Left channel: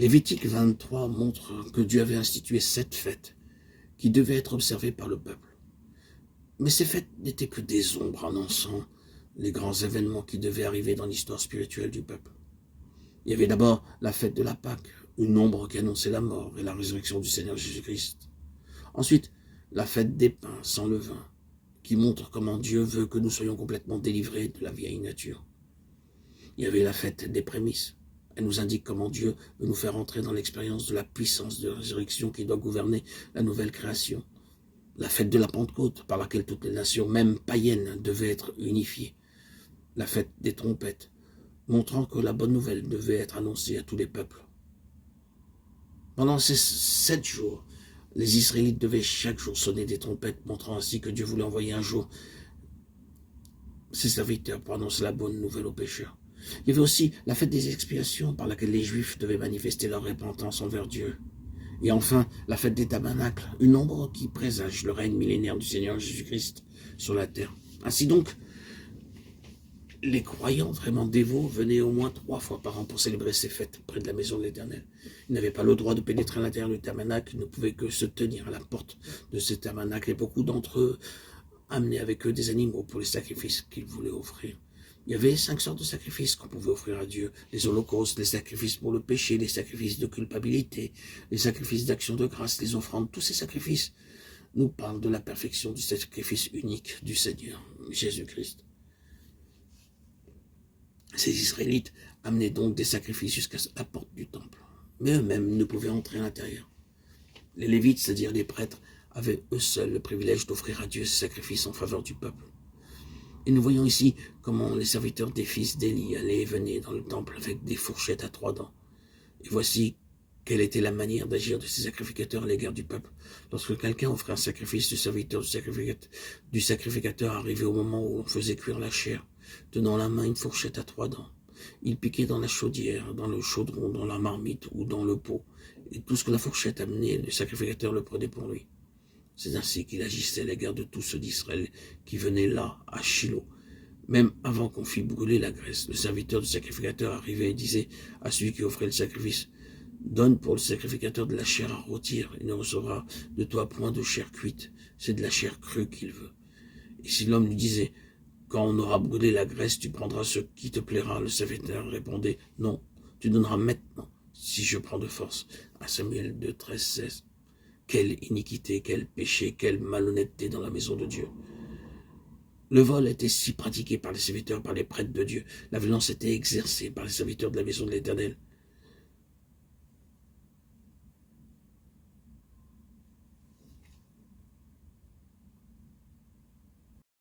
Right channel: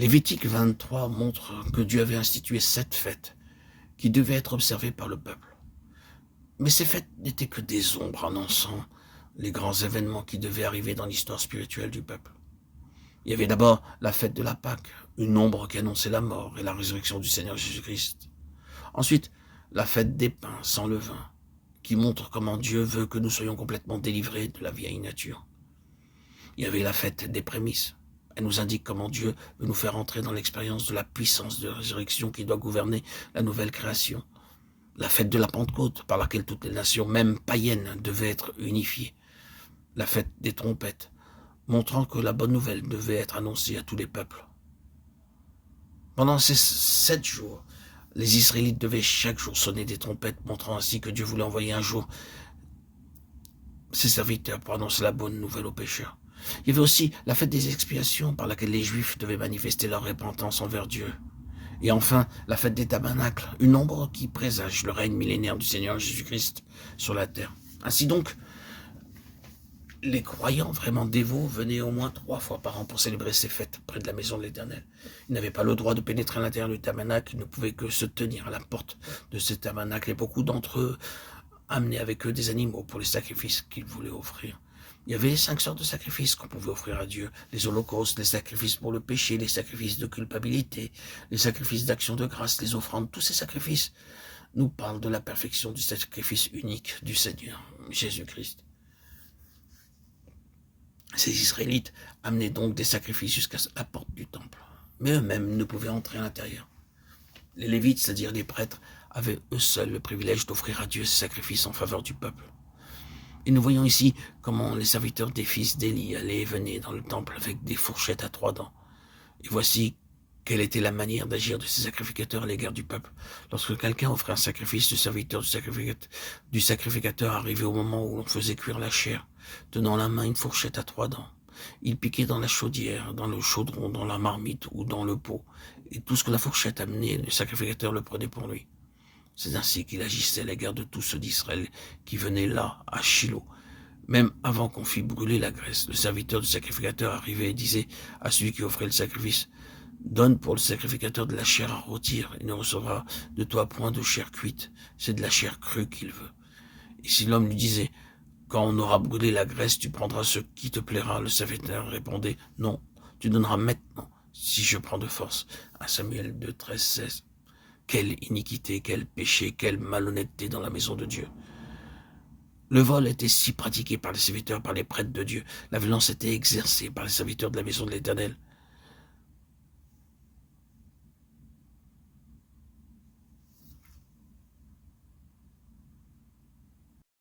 Lévitique 23 montre que Dieu avait institué 7 fêtes qui devaient être observées par le peuple. Mais ces fêtes n'étaient que des ombres annonçant les grands événements qui devaient arriver dans l'histoire spirituelle du peuple. Il y avait d'abord la fête de la Pâque, une ombre qui annonçait la mort et la résurrection du Seigneur Jésus-Christ. Ensuite, la fête des pains sans levain, qui montre comment Dieu veut que nous soyons complètement délivrés de la vieille nature. Il y avait la fête des prémices. Elle nous indique comment Dieu veut nous faire entrer dans l'expérience de la puissance de la résurrection qui doit gouverner la nouvelle création. La fête de la Pentecôte, par laquelle toutes les nations, même païennes, devaient être unifiées. La fête des trompettes, montrant que la bonne nouvelle devait être annoncée à tous les peuples. Pendant ces 7 jours, les Israélites devaient chaque jour sonner des trompettes, montrant ainsi que Dieu voulait envoyer un jour ses serviteurs pour annoncer la bonne nouvelle aux pécheurs. Il y avait aussi la fête des expiations, par laquelle les Juifs devaient manifester leur repentance envers Dieu. Et enfin, la fête des tabernacles, une ombre qui présage le règne millénaire du Seigneur Jésus-Christ sur la terre. Ainsi donc, les croyants vraiment dévots venaient au moins 3 fois par an pour célébrer ces fêtes près de la maison de l'Éternel. Ils n'avaient pas le droit de pénétrer à l'intérieur du tabernacle, ils ne pouvaient que se tenir à la porte de ce tabernacle, et beaucoup d'entre eux amenaient avec eux des animaux pour les sacrifices qu'ils voulaient offrir. Il y avait 5 sortes de sacrifices qu'on pouvait offrir à Dieu. Les holocaustes, les sacrifices pour le péché, les sacrifices de culpabilité, les sacrifices d'action de grâce, les offrandes. Tous ces sacrifices nous parlent de la perfection du sacrifice unique du Seigneur, Jésus-Christ. Ces Israélites amenaient donc des sacrifices jusqu'à la porte du temple. Mais eux-mêmes ne pouvaient entrer à l'intérieur. Les Lévites, c'est-à-dire les prêtres, avaient eux seuls le privilège d'offrir à Dieu ces sacrifices en faveur du peuple. Et nous voyons ici comment les serviteurs des fils d'Élie allaient et venaient dans le temple avec des fourchettes à 3 dents. Et voici quelle était la manière d'agir de ces sacrificateurs à l'égard du peuple. Lorsque quelqu'un offrait un sacrifice, le serviteur du sacrificateur arrivait au moment où l'on faisait cuire la chair, tenant en la main une fourchette à 3 dents. Il piquait dans la chaudière, dans le chaudron, dans la marmite ou dans le pot. Et tout ce que la fourchette amenait, le sacrificateur le prenait pour lui. C'est ainsi qu'il agissait à l'égard de tous ceux d'Israël qui venaient là, à Shilo. Même avant qu'on fît brûler la graisse, le serviteur du sacrificateur arrivait et disait à celui qui offrait le sacrifice: « Donne pour le sacrificateur de la chair à rôtir, il ne recevra de toi point de chair cuite, c'est de la chair crue qu'il veut. » Et si l'homme lui disait: « Quand on aura brûlé la graisse, tu prendras ce qui te plaira », le serviteur répondait: « Non, tu donneras maintenant, si je prends de force. » 1 Samuel 2, 13, 16. Quelle iniquité, quel péché, quelle malhonnêteté dans la maison de Dieu. Le vol était si pratiqué par les serviteurs, par les prêtres de Dieu. La violence était exercée par les serviteurs de la maison de l'Éternel.